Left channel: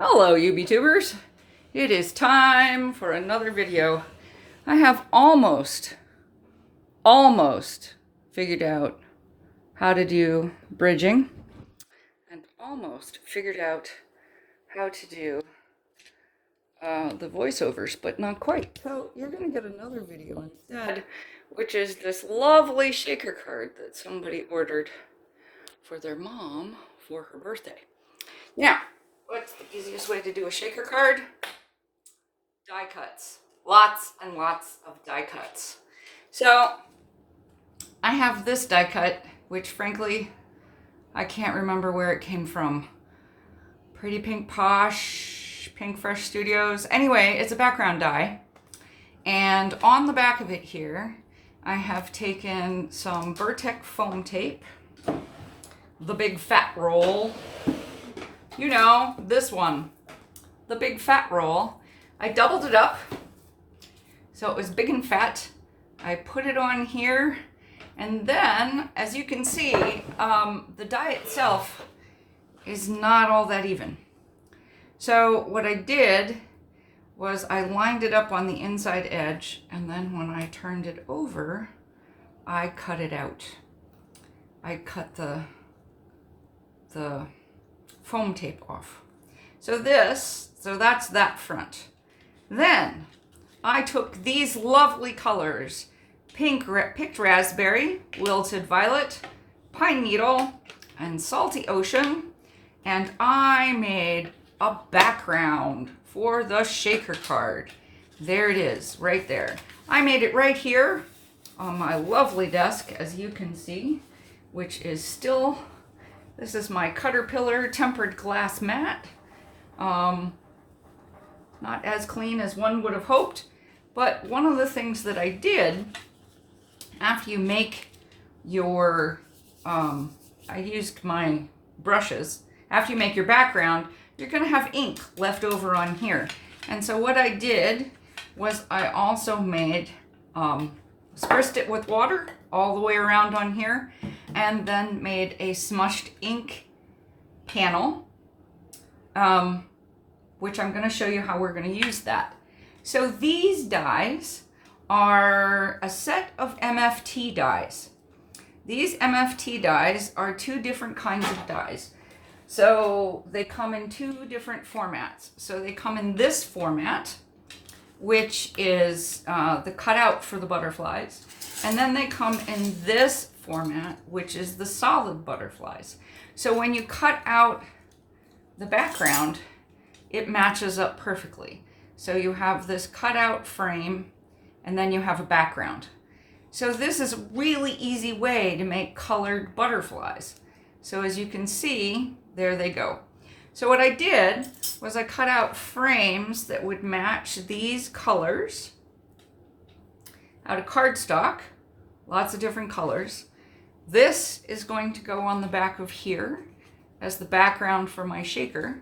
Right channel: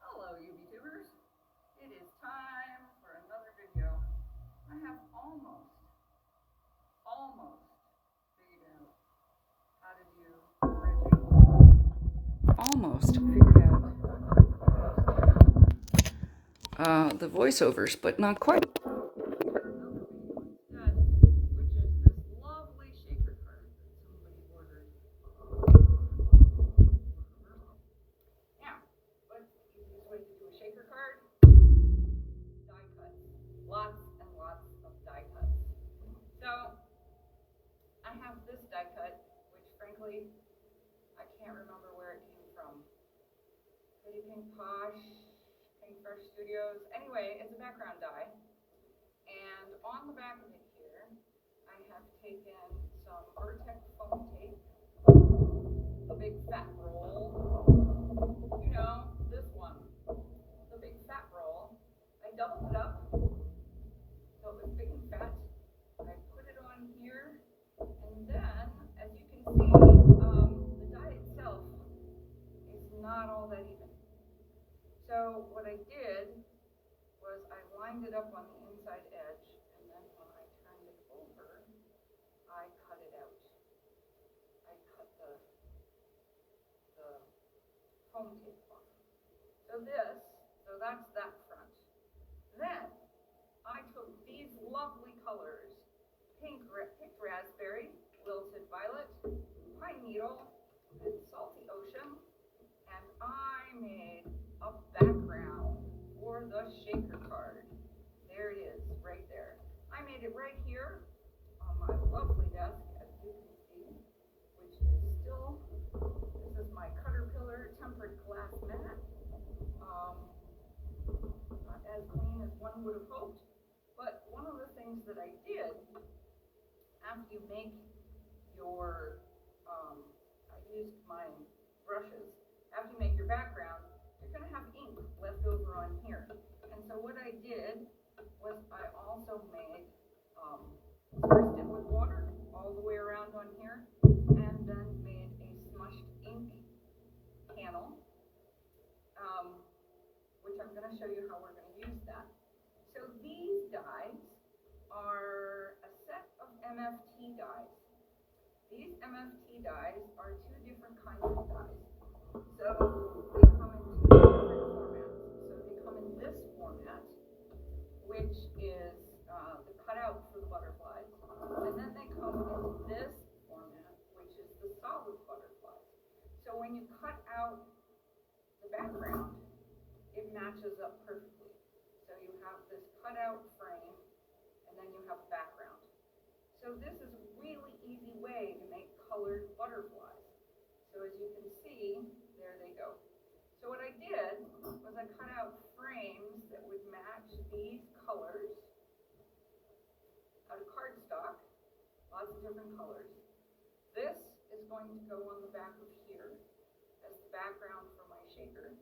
Hello, UBTubers. It is time for another video. I have almost figured out how to do bridging and almost figured out how to do the voiceovers, but not quite. So you're going to get another video instead, which is this lovely shaker card that somebody ordered for their mom for her birthday. Now, what's the easiest way to do a shaker card? Die cuts. Lots and lots of die cuts. So I have this die cut, which frankly, I can't remember where it came from. Pretty Pink Posh, Pink Fresh Studios. Anyway, it's a background die. And on the back of it here, I have taken some Vertex foam tape, the big fat roll. You know, this one, the big fat roll. I doubled it up so it was big and fat. I put it on here, and then, as you can see, the die itself is not all that even. So what I did was I lined it up on the inside edge, and then when I turned it over, I cut it out. I cut the foam tape off. So that's that front. Then I took these lovely colors, picked raspberry, wilted violet, pine needle, and salty ocean, and I made a background for the shaker card. There it is, right there. I made it right here on my lovely desk, as you can see, which is still, this is my Caterpillar tempered glass mat. Not as clean as one would have hoped, but one of the things that I did after you make your, I used my brushes, after you make your background, you're gonna have ink left over on here. And so what I did was I also made, spruced it with water all the way around on here, and then made a smushed ink panel, which I'm going to show you how we're going to use that. So these dies are a set of MFT dies. These MFT dies are two different kinds of dies. So they come in two different formats. So they come in this format, which is the cutout for the butterflies. And then they come in this format, which is the solid butterflies. So when you cut out the background, it matches up perfectly. So you have this cutout frame, and then you have a background. So this is a really easy way to make colored butterflies. So as you can see, there they go. So what I did was I cut out frames that would match these colors out of cardstock, lots of different colors. This is going to go on the back of here as the background for my shaker.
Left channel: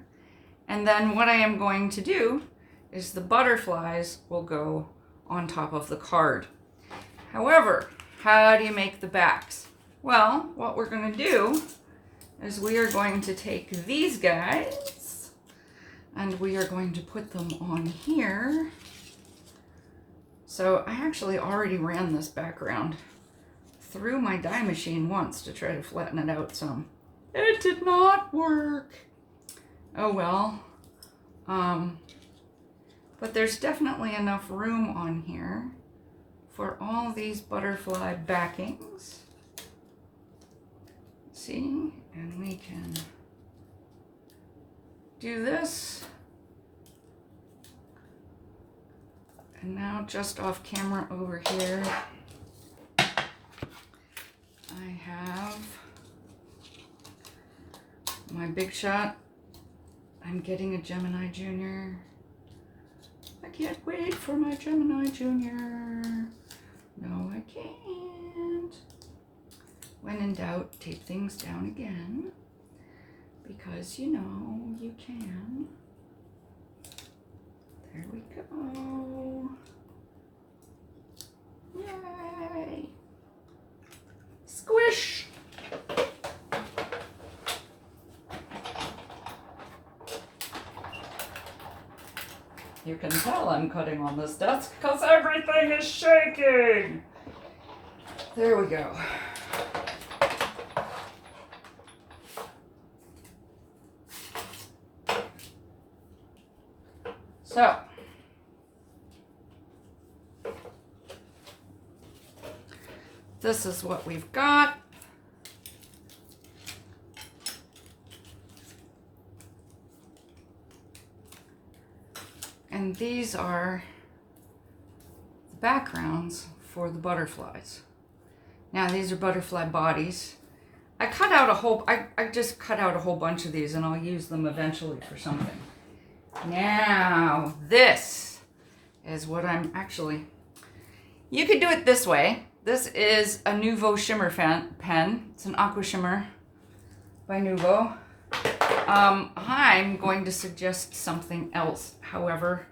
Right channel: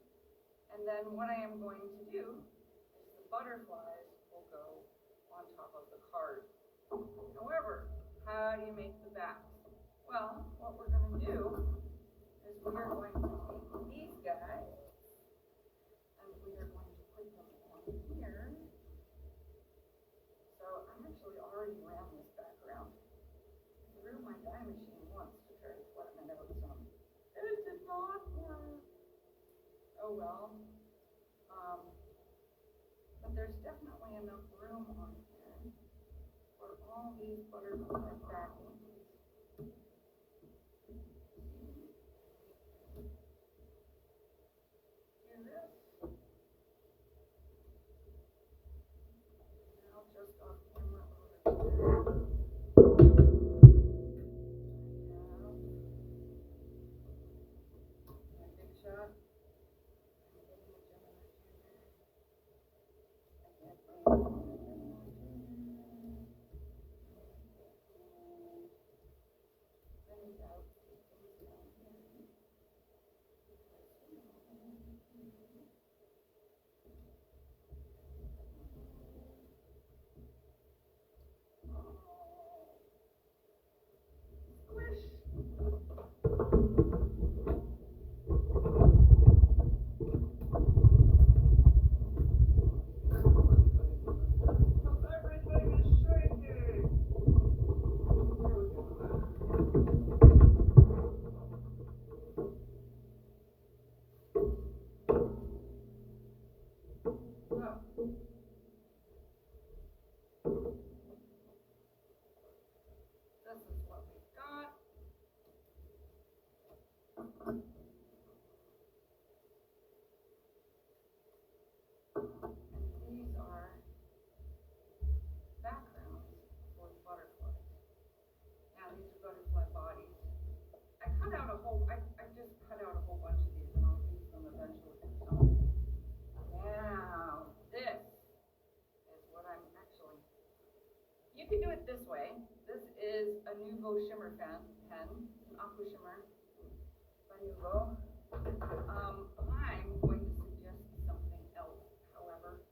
And then what I am going to do is the butterflies will go on top of the card. However, how do you make the backs? Well, what we're going to do is we are going to take these guys and we are going to put them on here. So I actually already ran this background through my die machine once to try to flatten it out some. It did not work. Oh well. But there's definitely enough room on here for all these butterfly backings. See? And we can do this. And now just off camera over here, I have my big shot. I'm getting a Gemini Junior. I can't wait for my Gemini Junior. No, I can't. When in doubt, tape things down again, because you know you can. There we go. Yay! Squish! you can tell I'm cutting on this desk because everything is shaking. There we go. So, this is what we've got. And these are the backgrounds for the butterflies. Now these are butterfly bodies. I just cut out a whole bunch of these and I'll use them eventually for something. Now this is what I'm actually, you could do it this way. This is a Nuvo shimmer pen. It's an aqua shimmer by Nuvo. I'm going to suggest something else, however,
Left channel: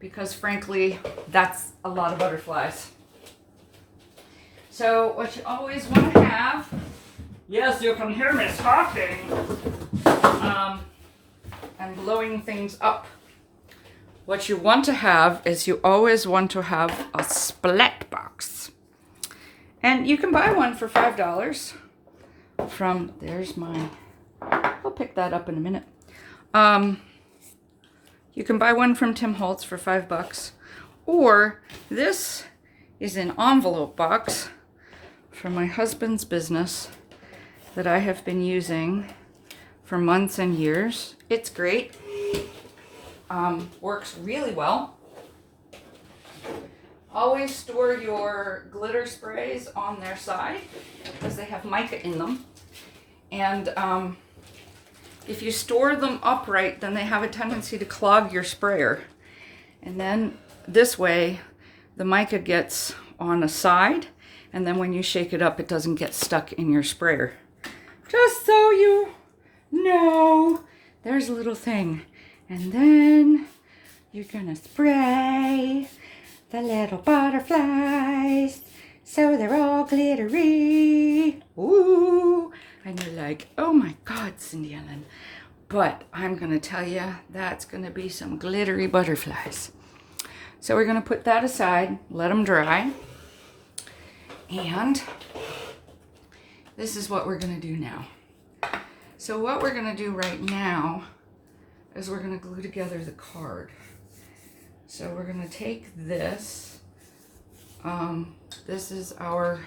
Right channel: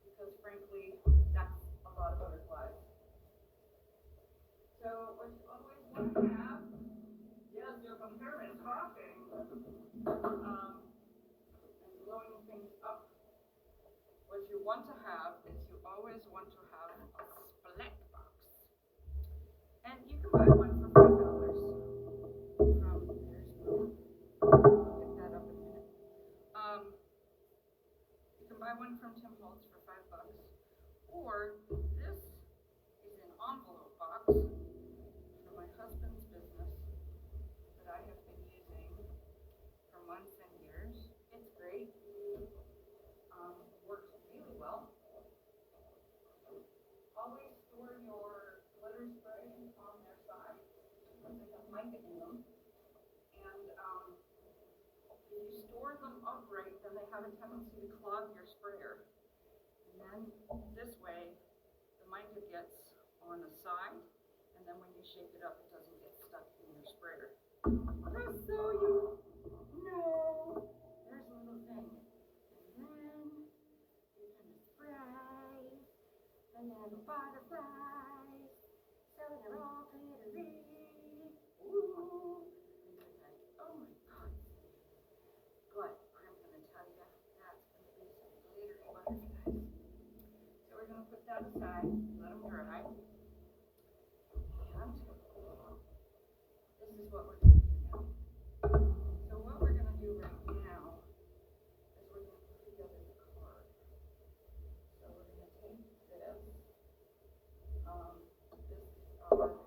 because frankly, that's a lot of butterflies. So what you always want to have, yes, you can hear me talking, and blowing things up. What you want to have is you always want to have a splat box. And you can buy one for $5 from, there's mine. I'll pick that up in a minute. You can buy one from Tim Holtz for $5, or this is an envelope box from my husband's business that I have been using for months and years. It's great. Works really well. Always store your glitter sprays on their side because they have mica in them. And if you store them upright, then they have a tendency to clog your sprayer. And then this way, the mica gets on a side, and then when you shake it up, it doesn't get stuck in your sprayer. Just so you know, there's a little thing. And then you're gonna spray the little butterflies so they're all glittery. Ooh. And you're like, oh my God, Cindy Ellen. But I'm gonna tell you, that's gonna be some glittery butterflies. So we're gonna put that aside, let them dry. And this is what we're gonna do now. So what we're gonna do right now is we're gonna glue together the card. So we're gonna take this. This is our,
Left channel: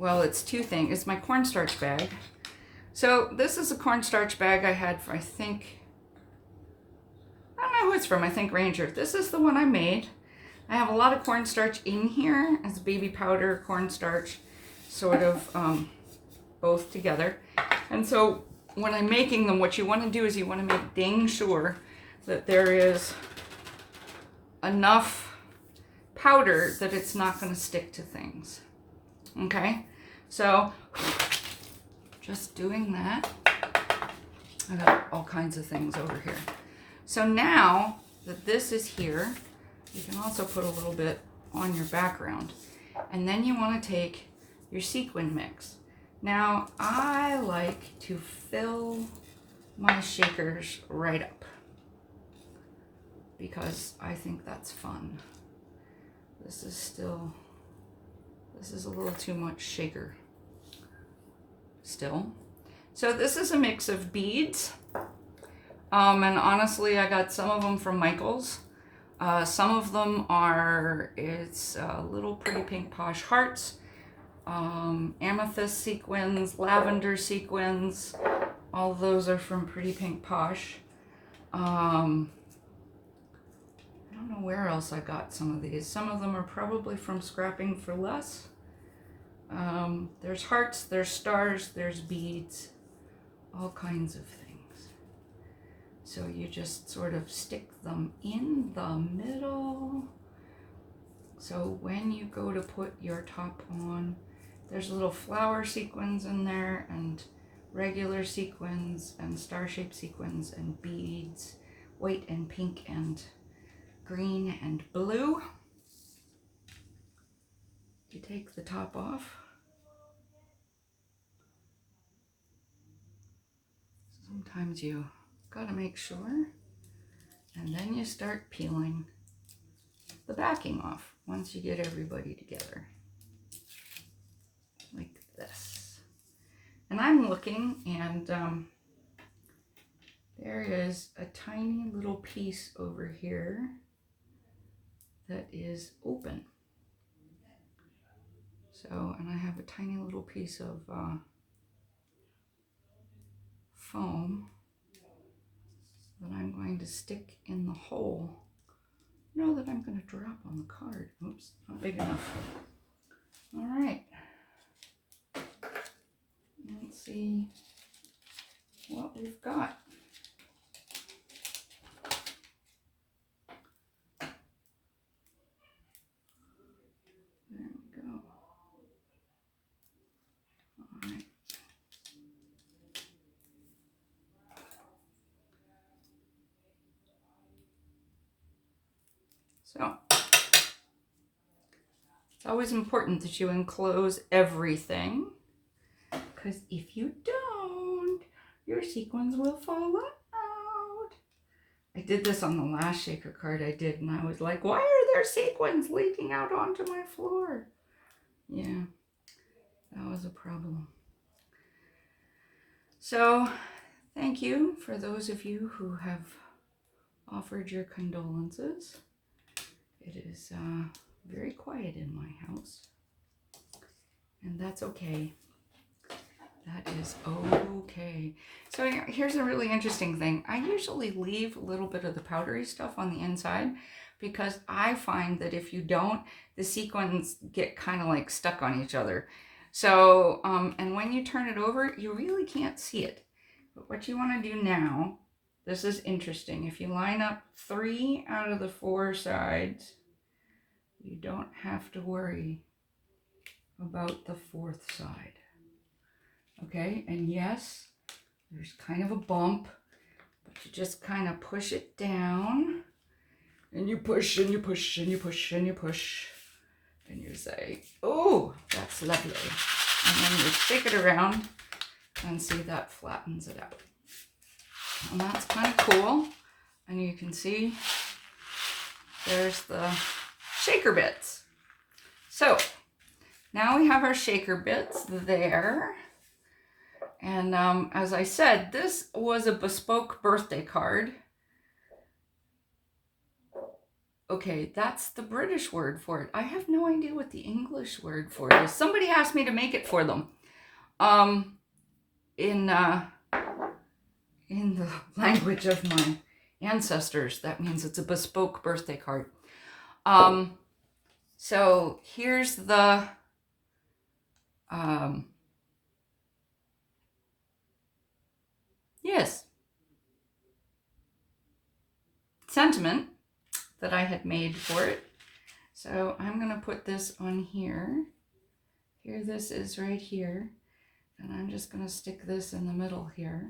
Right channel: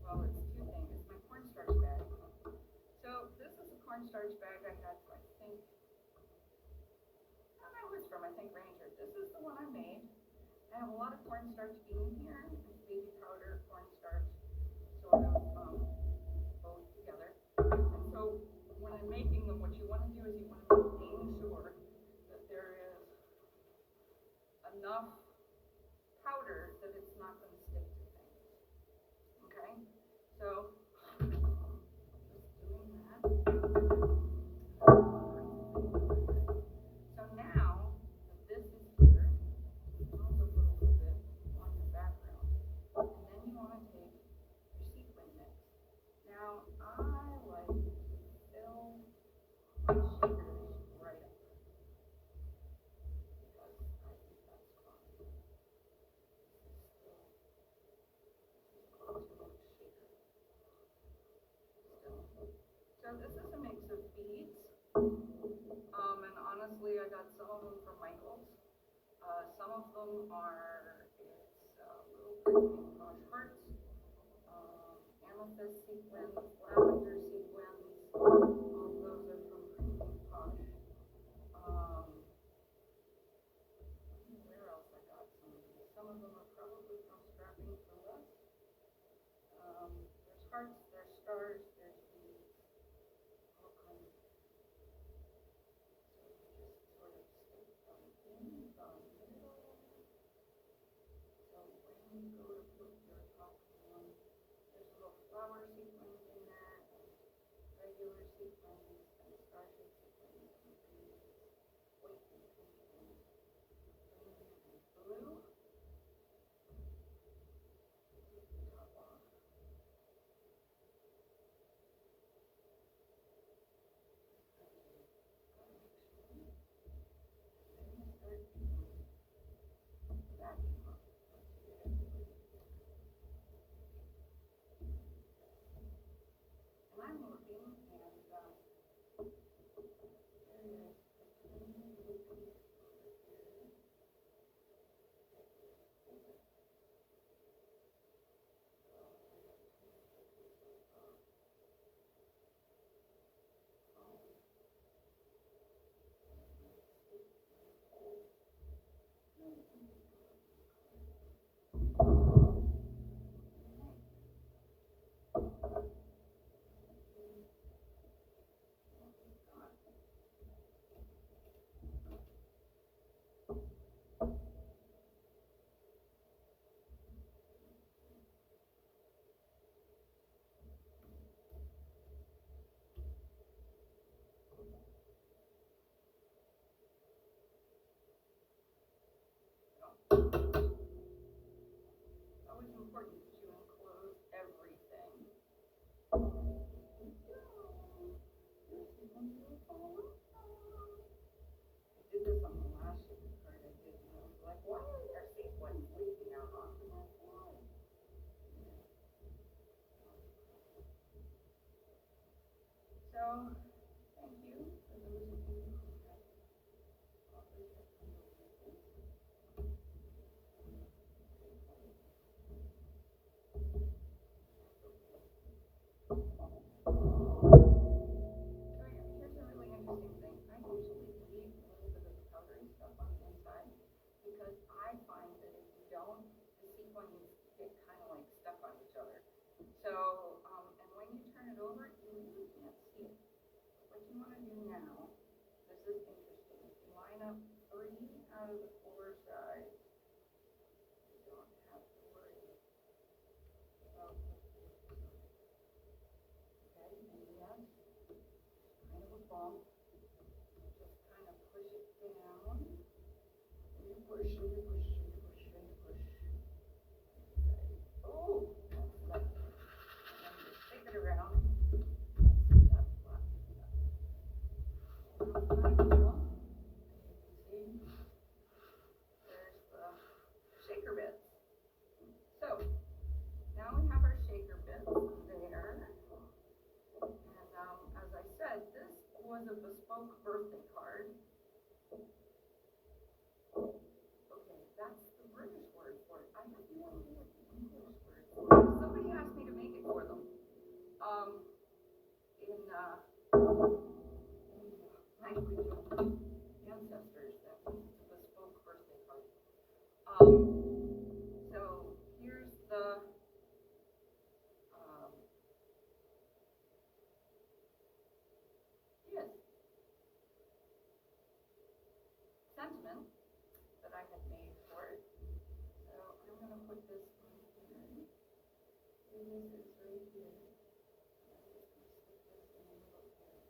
well, it's two things. It's my cornstarch bag. So this is a cornstarch bag I had for, I don't know who it's from, I think Ranger. This is the one I made. I have a lot of cornstarch in here as baby powder, cornstarch, sort of both together. And so when I'm making them, what you want to do is you want to make dang sure that there is enough powder that it's not going to stick to things. Okay? So just doing that. I got all kinds of things over here. So now that this is here, you can also put a little bit on your background. And then you want to take your sequin mix. Now, I like to fill my shakers right up because I think that's fun. This is a little too much shaker still. So this is a mix of beads. And honestly, I got some of them from Michael's. Some of them are, it's little pretty Pink Posh hearts, amethyst sequins, lavender sequins. All of those are from Pretty Pink Posh. I don't know where else I got some of these. Some of them are probably from Scrapping for Less. There's hearts, there's stars, there's beads, all kinds of things. So you just sort of stick them in the middle. So when you go to put your top on, there's little flower sequins in there, and regular sequins, and star-shaped sequins, and beads, white and pink and green and blue. You take the top off. Sometimes you gotta make sure And then you start peeling the backing off once you get everybody together. Like this. And I'm looking, and there is a tiny little piece over here that is open. So, and I have a tiny little piece of foam that I'm going to stick in the hole. No, that I'm going to drop on the card. Oops, not big enough. All right. Let's see what we've got. There we go. All right. So, it's always important that you enclose everything, because if you don't, your sequins will fall out. I did this on the last shaker card I did, and I was like, why are there sequins leaking out onto my floor? Yeah, that was a problem. So, thank you for those of you who have offered your condolences. It is very quiet in my house, and that's okay. That is okay. So here's a really interesting thing. I usually leave a little bit of the powdery stuff on the inside, because I find that if you don't, the sequins get kind of like stuck on each other. So, and when you turn it over, you really can't see it. But what you want to do now, this is interesting. If you line up 3 out of the 4 sides, you don't have to worry about the 4th side. Okay, and yes, there's kind of a bump, but you just kind of push it down, and you push, and you push, and you push, and you push, and you say, oh, that's lovely. And then you shake it around, and see that flattens it out. And that's kind of cool. And you can see there's the shaker bits. So now we have our shaker bits there. And as I said, this was a bespoke birthday card. Okay, that's the British word for it. I have no idea what the English word for it is. Somebody asked me to make it for them. In the language of my ancestors, that means it's a bespoke birthday card. So here's the sentiment that I had made for it. So I'm going to put this on here. Here this is right here. And I'm just going to stick this in the middle here.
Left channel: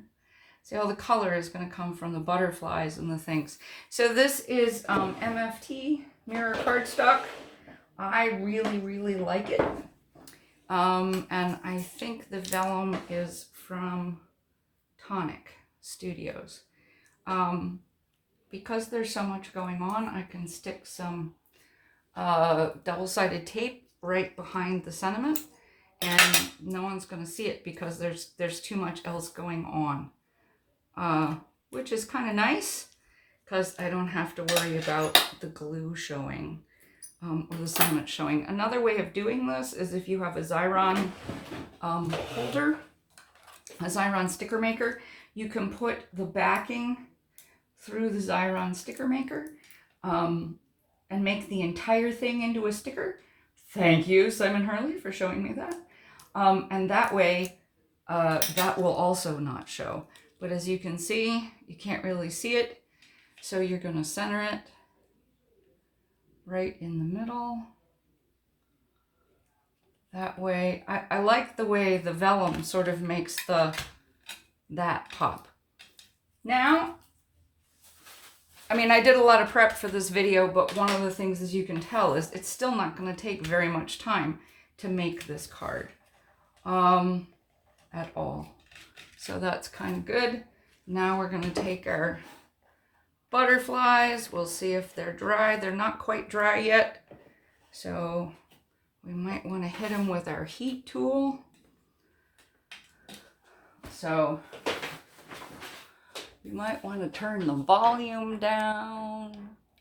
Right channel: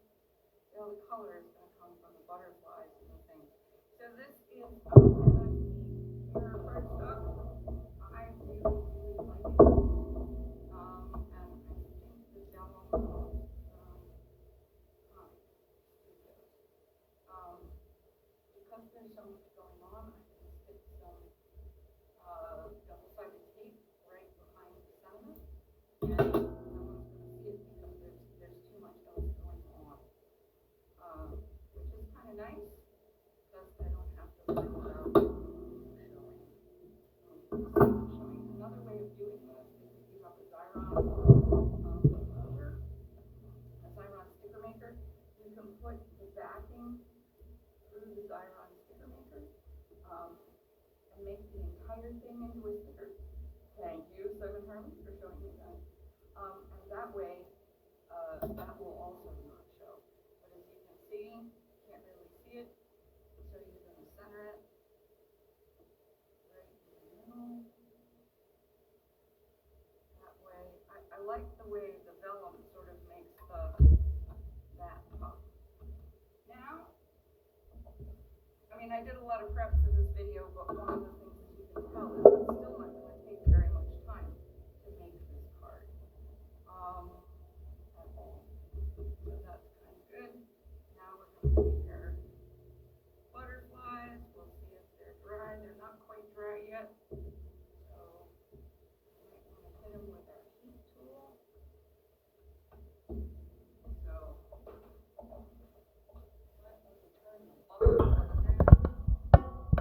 See, all the color is going to come from the butterflies and the things. So this is MFT mirror cardstock. I really, really like it. And I think the vellum is from Tonic Studios. Because there's so much going on, I can stick some double-sided tape right behind the sentiment, and no one's going to see it because there's too much else going on, which is kind of nice because I don't have to worry about the glue showing or the sentiment showing. Another way of doing this is if you have a Xyron holder, a Xyron sticker maker, you can put the backing through the Xyron sticker maker and make the entire thing into a sticker. Thank you, Simon Hurley, for showing me that. And that way, that will also not show. But as you can see, you can't really see it. So you're going to center it right in the middle. That way, I like the way the vellum sort of makes that pop. Now, I mean, I did a lot of prep for this video, but one of the things, as you can tell, is it's still not going to take very much time to make this card at all. So that's kind of good. Now we're going to take our butterflies. We'll see if they're dry. They're not quite dry yet, so we might want to hit them with our heat tool. So we might want to turn the volume down.